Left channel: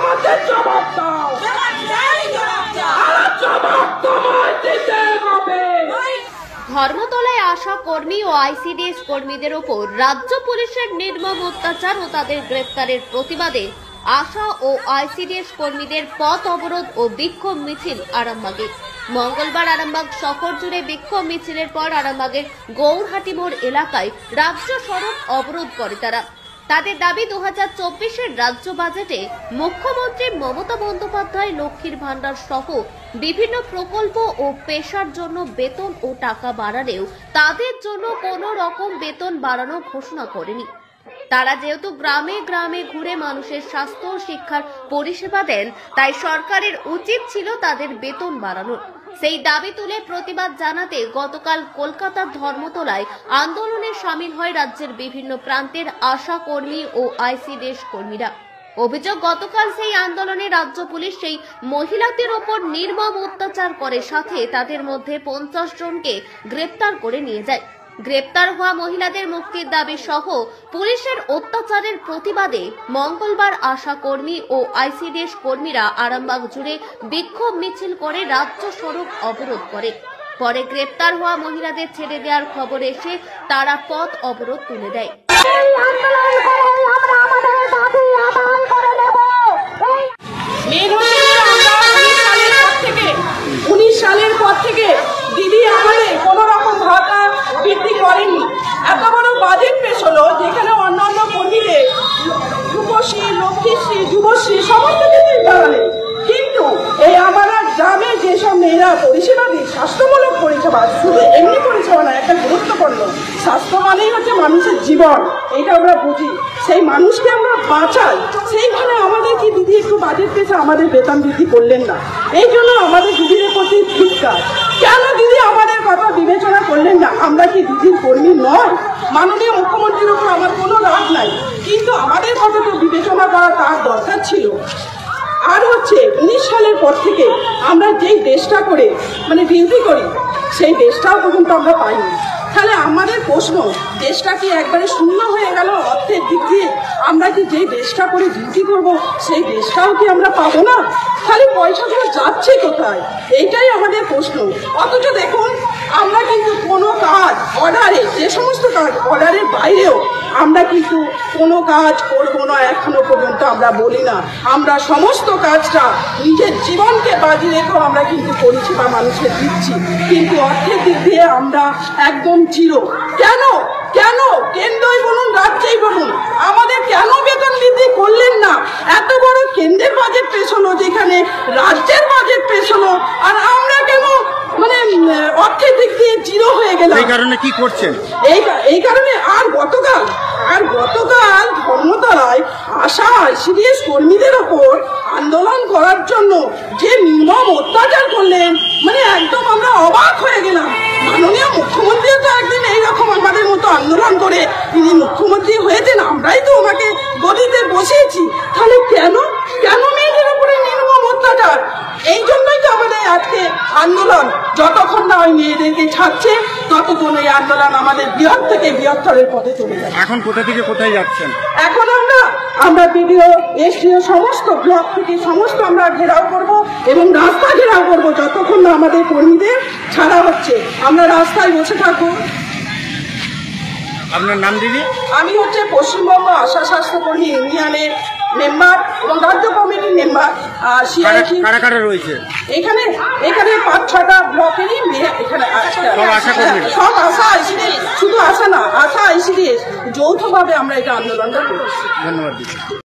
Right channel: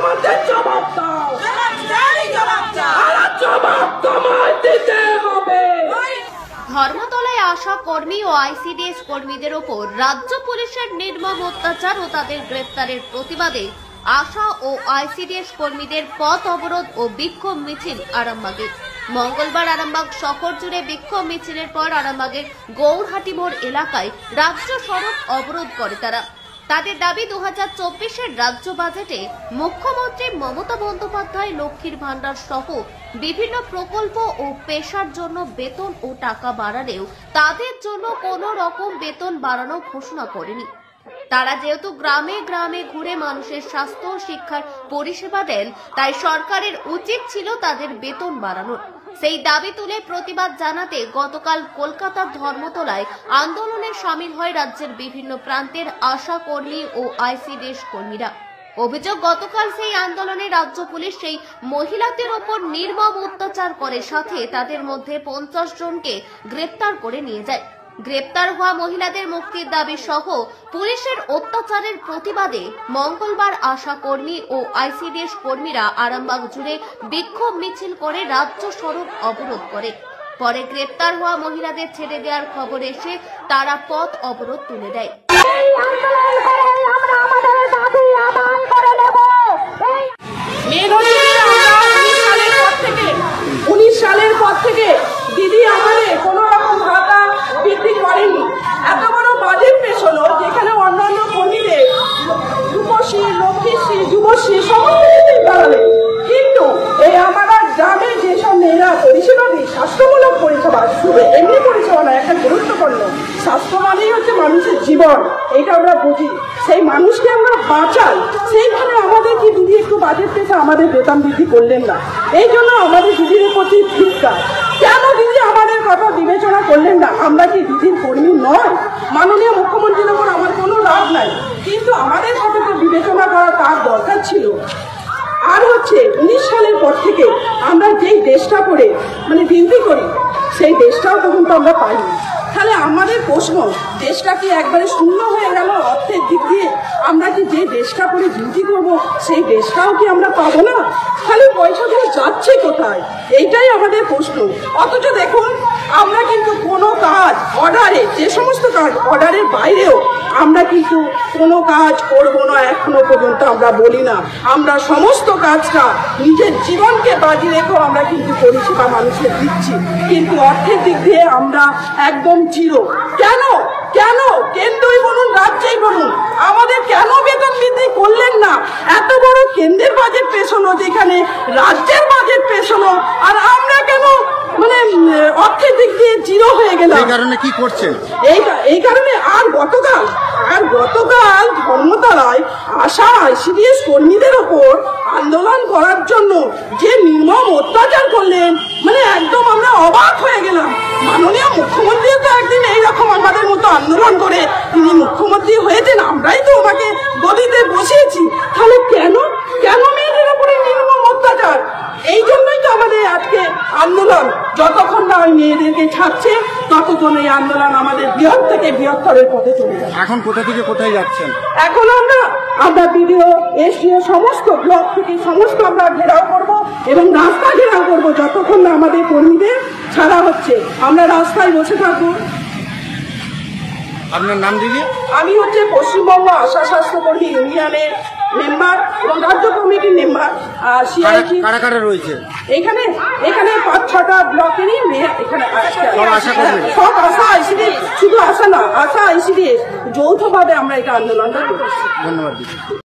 আমাদের জবাব দাও, জবাব তোমায় দিতে হবে। ধর্মতলায় আশা কর্মী ও আইসিডিএস কর্মীদের ওপর রাজ্য পুলিশের নির্মম অত্যাচার ও তাদের গ্রেপ্তারের প্রতিবাদে আশা ও আইসিডিএস কর্মীদের পথ অবরোধ ও বিক্ষোভ মিছিল আরামবাগে। মঙ্গলবার আরামবাগ শহর জুড়ে বিক্ষোভ মিছিলের পর আরামবাগের গৌরহাটি মোড় এলাকায় রাজ্য সড়ক অবরোধ করে তারা। তাদের দাবি 2024-এর রাজ্য বাজেটে মুখ্যমন্ত্রী মমতা বন্দ্যোপাধ্যায় লক্ষ্মীর ভান্ডার সহ বিভিন্ন প্রকল্প ও পেশার জন্য বেতন ও টাকা বাড়ালেও তাদের জন্য কোনো রকম বেতন বাড়ানো ঘোষণা করেনি। তারা যেহেতু গ্রামে গ্রামে ঘুরে মানুষের স্বাস্থ্য ও শিক্ষার পরিষেবা দেন, তাই সরকারের উচিত ছিল তাদের বেতন বাড়ানোর। সেই দাবি তুলে প্রতিবাদ জানাতে গতকাল কলকাতার ধর্মতলায় আন্দোলনে শামিল হয় রাজ্যের বিভিন্ন প্রান্তের আশা কর্মী ও আইসিডিএস কর্মীরা। অভিযোগ, গতকাল সেই আন্দোলনে রাজ্য পুলিশ সেই মহিলাদের ওপর নির্মম অত্যাচার করে, সাথে তাদের মধ্যে 50 জনকে গ্রেপ্তার করে নিয়ে যায়। গ্রেপ্তার হওয়া মহিলাদের মুক্তির দাবি সহ পুলিশের অত্যাচারের প্রতিবাদে মঙ্গলবার আশা কর্মী ও আইসিডিএস কর্মীরা আরামবাগ জুড়ে বিক্ষোভ মিছিল করে রাজ্য সড়ক অবরোধ করে। পরে গ্রেপ্তার হওয়া মহিলাদের ছেড়ে দেওয়ার খবর এসে তারা পথ অবরোধ তুলে দেয়। আমরা 19 সালের পর থেকে দিদি আমাদের কোন রকম ভাতা বৃদ্ধি করেনি। এত বড় বাজেট পেশ হলো যেখানে অন্যান্য কর্মীদের রূপশ্রী, লক্ষ্মীশ্রী, যুবশ্রী সমস্ত কিছুই বাড়ালেন, কিন্তু এই আমরা গ্রামে যেসব মেয়েরা পরিষেবা দিই, স্বাস্থ্যমূলক পরিষেবা, শুধু এমনি পরিষেবা না, একটা গুরুত্বপূর্ণ স্বাস্থ্য মানেই হচ্ছে মানুষের জীবন, এটা আমরা বুঝি, সেই মানুষকে আমরা বাঁচাই, সেইভাবে আমাদের কি দিদি একটু বাজেট পেয়েছে আমাদের বেতন বৃদ্ধি করলেন না। এই জন্য আমাদের দিদির প্রতি ধিক্কার। কেন দিদি আমাদের কথা বিবেচনা করলেন না? আমরা কি দিদির কর্মী নয়? মাননীয় মুখ্যমন্ত্রীর উপর আমার কোনো রাগ নাই, কিন্তু আমাদের কথাটা বিবেচনা করা তার দরকার ছিল। আর হচ্ছে 19 সালের পর থেকে আমরা যেই দেশটা করে ডিউটি করি, সেই দেশটাও তখন তো আমরা পাইনি। তাহলে আমাদের প্রশ্ন, দেশটা কি একবারে শূন্য হয়ে গেল অর্থের দিক দিয়ে? আমরা কি যে দেশটা করে ডিউটি করব সেই দেশটাও কি আমরা পাবো না? তাহলে পয়সাগুলো যাচ্ছে কোথায়? এইটাই আমাদের প্রশ্ন। অথচ দেখুন, আমরা কিন্তু কোনো কাজ অর্ডারে, যে সমস্ত কাজ অর্ডারের বাইরেও আমরা কিন্তু কোনো কাজ করবো না এখনো পর্যন্ত আমরা বলি না। আমরা সমস্ত কাজটা নিজের জীবনকে বাজি রেখেও আমরা কিন্তু পরিষেবা মানুষের দিচ্ছি, কিন্তু অর্থের দিক দিয়ে আমরা একদম জিরো। কেন কেন কেন্দ্রই বলুন রাজ্যেই বলুন, আমাদের কেন বেতন বৃদ্ধি করলেন না? এত বড় কেন্দ্রের বাজেট পেশ হলো, যেখানে রাজ্যের বাজেট পেশ হলো, আর আমরা কেন অর্থের দিক দিয়ে জিরো হয়ে গেলাম? এই কারণে কি করছেন? এই কারণে আর গতকাল ধর্মতলায় আশা আইসিডিএস কর্মীদের ওপর আন্দোলন করার জন্য যে নির্মম অত্যাচার করলেন, একদম আমরা অবাক হয়ে গেলাম। মাননীয় মুখ্যমন্ত্রী তো একদিন এইরকম আমাদের মতো আন্দোলন করে তিনি মুখ্যমন্ত্রী হয়েছেন, আমরাই তো ওনাকে গদিতে বসিয়েছি। তাহলে কেন মেয়েদের উপরে নির্মম অত্যাচার? এই জন্যই তো আমাদের আজকে আন্দোলন। যতক্ষণ না ওই মেয়েদেরকে ছাড়ছে ততক্ষণ এই আন্দোলন আমাদের বৃহৎ থেকে বৃহত্তরের পথে চলে যাবে। এখন কোথা থেকে কোথায় যাচ্ছেন? এখন আমরা বিডিও, এসডিও, সমস্ত ব্লক থেকে সমস্ত আমরা ঘেরাও করব এবং রাস্তা ঘেরাও করব যতক্ষণ না আমাদের কর্মীদের ছাড়া হচ্ছে। আমরা রাস্তায় বসে থাকবো। আপনার নাম দিদি? আমি হচ্ছে পশ্চিমবঙ্গ আশা স্বাস্থ্যকর্মী ইউনিয়নের মেম্বার এবং রাজ্য কমিটির মেম্বার। কারা কারা রয়েছে এখানে? 5-6টা ব্লকেরই মেয়ে এখানে আজকে সব আশা আইসিডিএস, শুধু আশা না, আশা আইসিডিএস যৌথভাবে আমরা এটা আন্দোলনটা করছি। ধন্যবাদ দিদি।